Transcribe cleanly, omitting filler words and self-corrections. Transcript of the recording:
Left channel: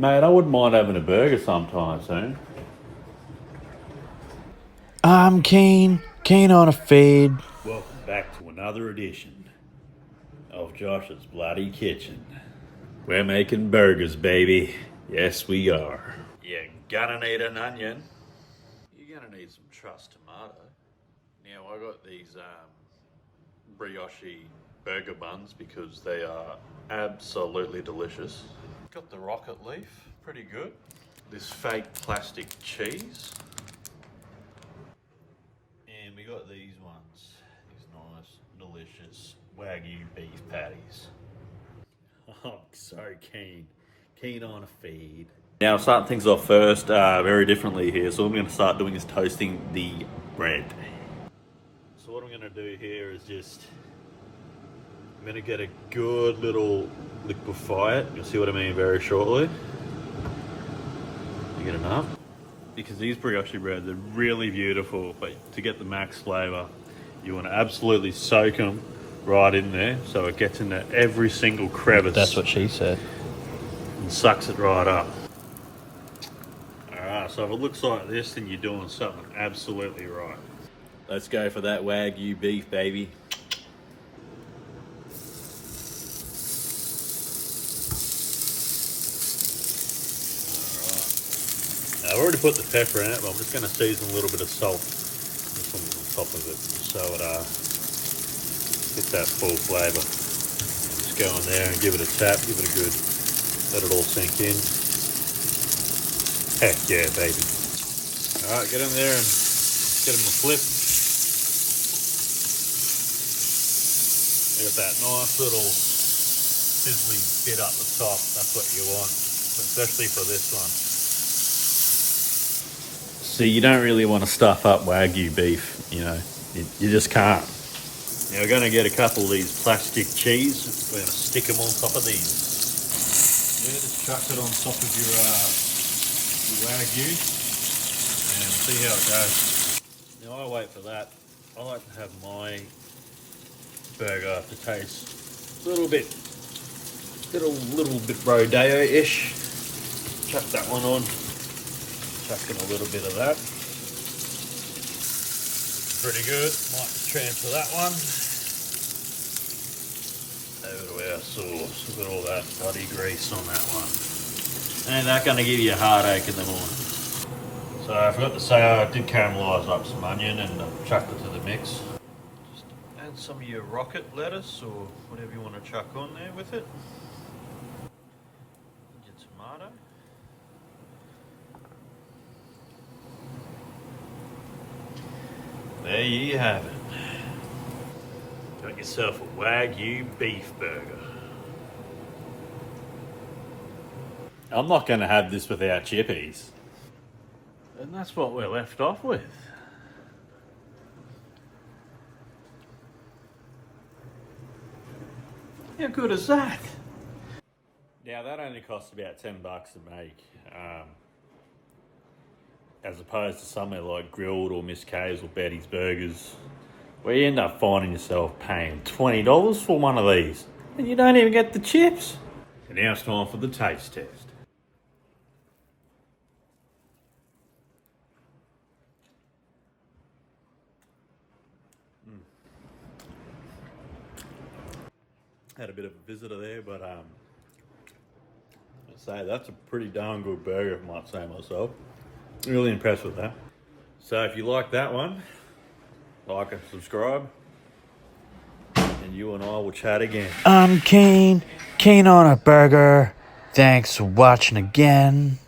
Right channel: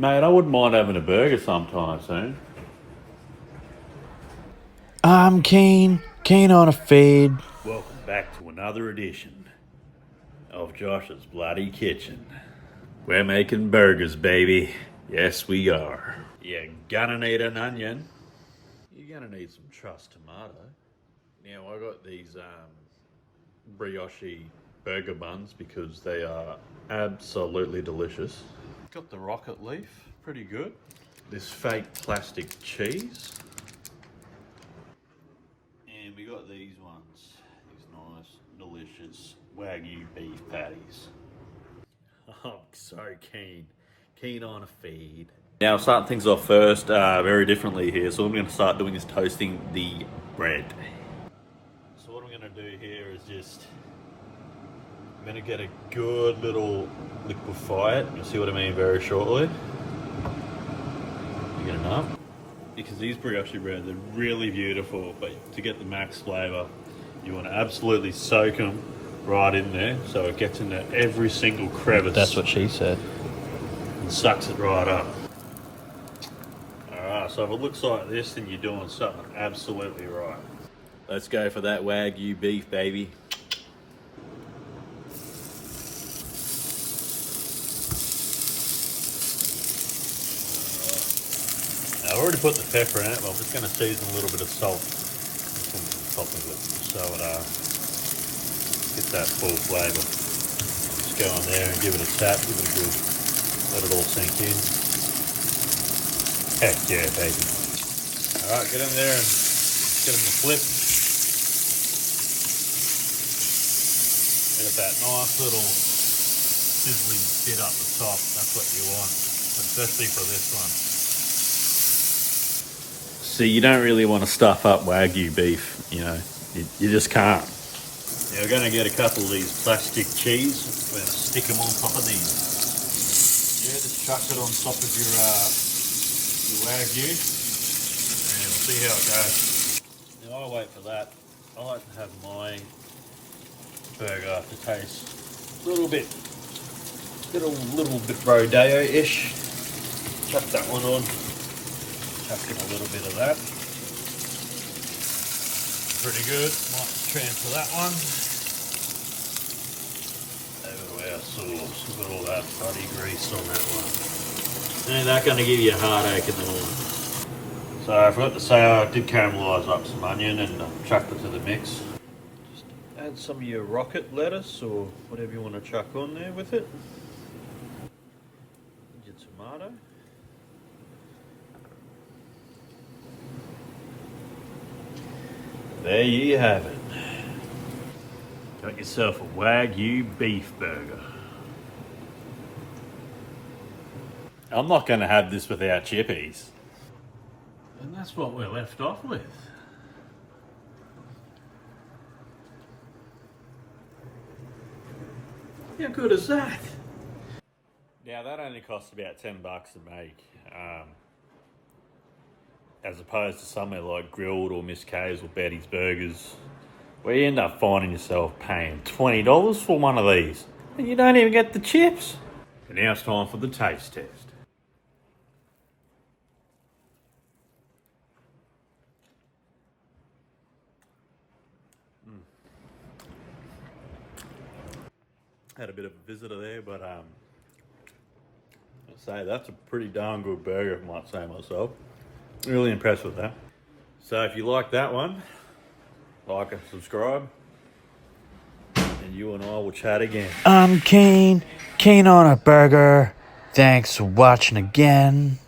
Mate, I wouldn't mind having a burger sometime soon. I'm keen on a fade. Welcome back to another edition of Josh's Bloody Kitchen. We're making burgers, baby. Yes, we are. You're gonna need an onion. You're gonna need some truss tomato. Now, I got these brioche burger buns because they are absolutely delicious. Got the rocket leaf, pretty good. This fake plastic cheese. And we got these ones, these nice, delicious Wagyu beef patties. I'm so keen on a feed. Now, starting things off first, very differently here. So what I'm going to start doing is toasting the bread. So what I'm going to do here is I'm going to get a good little liquefy it. You'll see what I mean very shortly. You get enough? Because these brioche breads are really beautiful, but to get the max flavour, you want to absolutely soak them right in there so it gets into every single crevice. That's what she said. And sucks it right up. Alright, so if it looks like this, then you're doing something absolutely right. Let's go for that Wagyu beef, baby. I've already put the pepper in it, but I'm just going to season a little bit of salt on top of it so it gets that full flavour. Just go in there and give it a tap, give it a good, let it all sink in. Heck yeah, baby. Alright, get in there and get them a flip. Get that nice little sizzling bit up the top, that's what you want, especially for this one. See, you don't really want to stuff up Wagyu beef, you know, you just can't. Now we're going to get a couple of these plastic cheese. We're going to stick them on top of these. Yeah, just chuck it on top of your Wagyu and see how it goes. Now I wait for that. I like to have my burger to taste a little bit rodeo-ish. Chuck that one on. Chuck in a little bit of that. Pretty good. Might transfer that one. Over to our sauce. Look at all that bloody grease on that one. Ain't that going to give you a heartache in the morning? So I forgot to say I did caramelise up some onion and chucked it to the mix. Just add some of your rocket lettuce or whatever you want to chuck on there with it. Your tomato. There you have it. Got yourself a Wagyu beef burger. I'm not going to have this without chippies. And that's what we're left off with. How good is that? Now that only costs about $10 to make. As opposed to somewhere like Grilled or Miss K's or Betty's Burgers, where you end up finding yourself paying $20 for one of these, and you don't even get the chips. And now it's time for the taste test. Had a bit of a visitor there, but I'd say that's a pretty darn good burger, if I might say myself. Really impressed with that. So if you like that one, like and subscribe, and you and I will chat again. I'm keen on a burger. Thanks for watching again.